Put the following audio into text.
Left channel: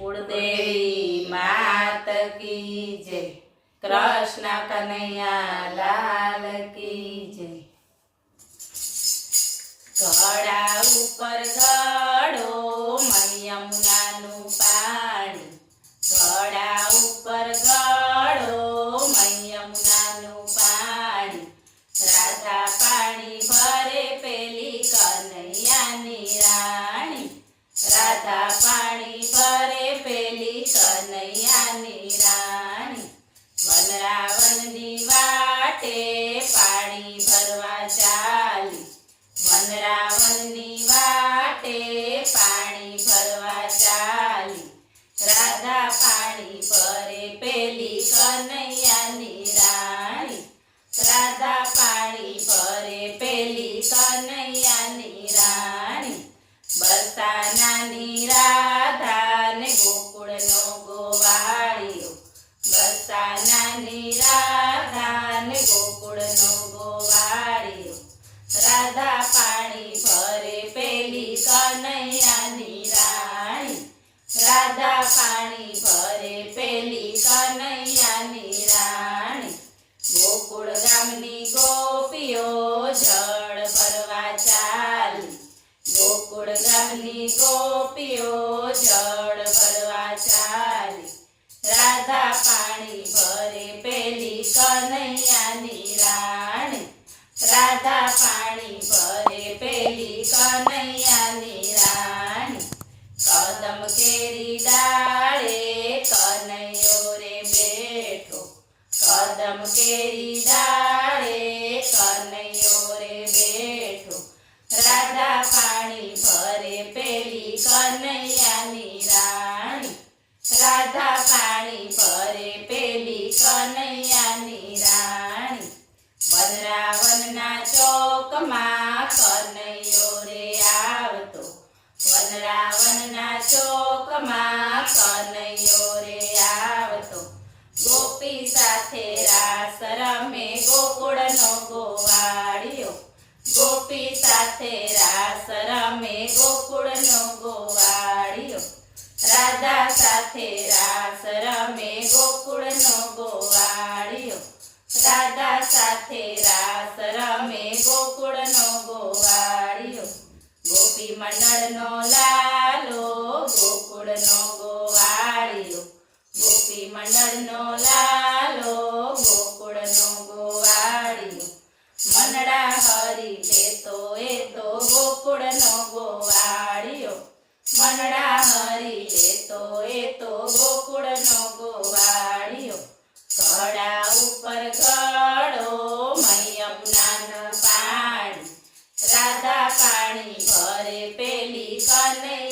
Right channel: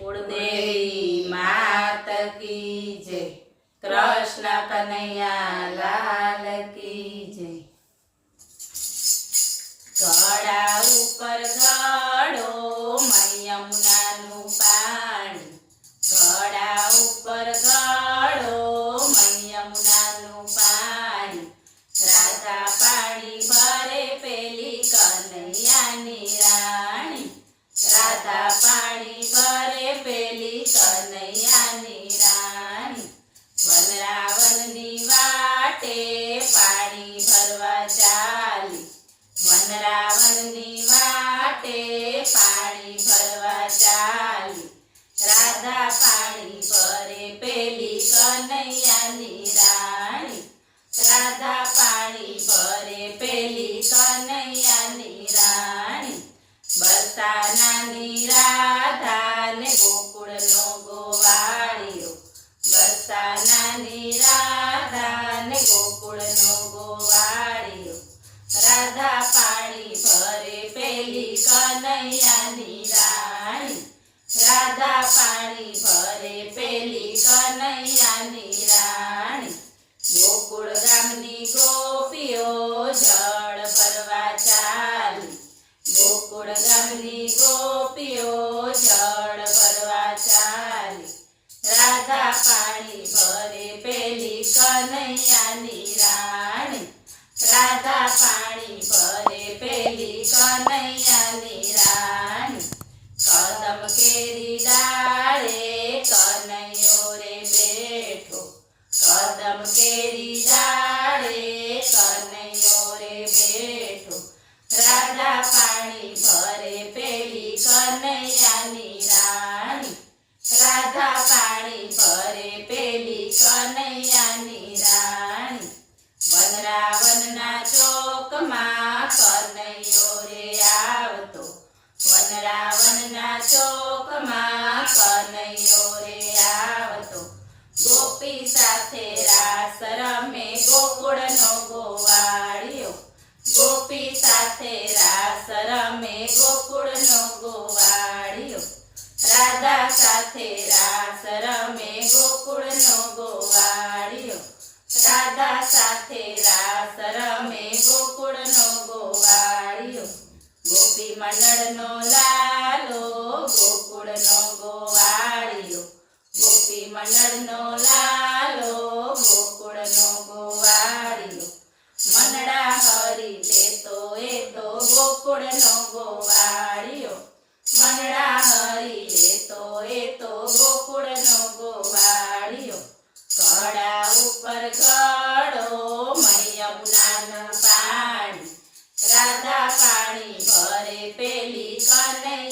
कुलदेवी मात की जय। कृष्ण कन्हैया लाल की जय। घड़ा ऊपर घड़ो मई यमुनाનું પાણી, ઘડા ઉપર ઘડો મઈ યમુનાનું પાણી, રાધા પાણી ભરે પેલી કનૈયાની રાણી, રાધા પાણી ભરે પેલી કનૈયાની રાણી, વનરાવનની વાટે પાણી ભરવા ચાલી, વનરાવનની વાટે પાણી ભરવા ચાલી, રાધા પાણી ભરે પેલી કનૈયાની રાણી, રાધા પાણી ભરે પેલી કનૈયાની રાણી, બરસાનાની રાધાને ગોકુળનો ગોવાળિયો, બરસાનાની રાધાને ગોકુળનો ગોવાળિયો, રાધા પાણી ભરે પેલી કનૈયાની રાણી, રાધા પાણી ભરે પેલી કનૈયાની રાણી, ગોકુળ ગામની ગોપીઓ જળ ભરવા ચાલી, ગોકુળ ગામની ગોપીઓ જળ ભરવા ચાલી, રાધા પાણી ભરે પેલી કનૈયાની રાણી, રાધા પાણી ભરે પેલી કનૈયાની રાણી, કદમ કેરી ડાળે કનૈયો રે બેઠો, કદમ કેરી ડાળે કનૈયો રે બેઠો, રાધા પાણી ભરે પેલી કનૈયાની રાણી, રાધા પાણી ભરે પેલી કનૈયાની રાણી, વનરાવનના ચોકમાં કનૈયો રે આવતો, વનરાવનના ચોકમાં કનૈયો રે આવતો, ગોપી સાથે રાસ રમે ગોકુળનો ગોવાળિયો, ગોપી સાથે રાસ રમે ગોકુળનો ગોવાળિયો, રાધા સાથે રાસ રમે ગોકુળનો ગોવાળિયો, રાધા સાથે રાસ રમે ગોકુળનો ગોવાળિયો, ગોપી મંડળનો લાલો ગોકુળનો ગોવાળિયો, ગોપી મંડળનો લાલો ગોકુળનો ગોવાળિયો, મનડા હરી લેતો એ તો ગોકુળનો ગોવાળિયો, મનડા હરી લેતો એ તો ગોકુળનો ગોવાળિયો, ઘડા ઉપર ઘડો મઈ યમુનાનું પાણી, રાધા પાણી ભરે પેલી કનૈયા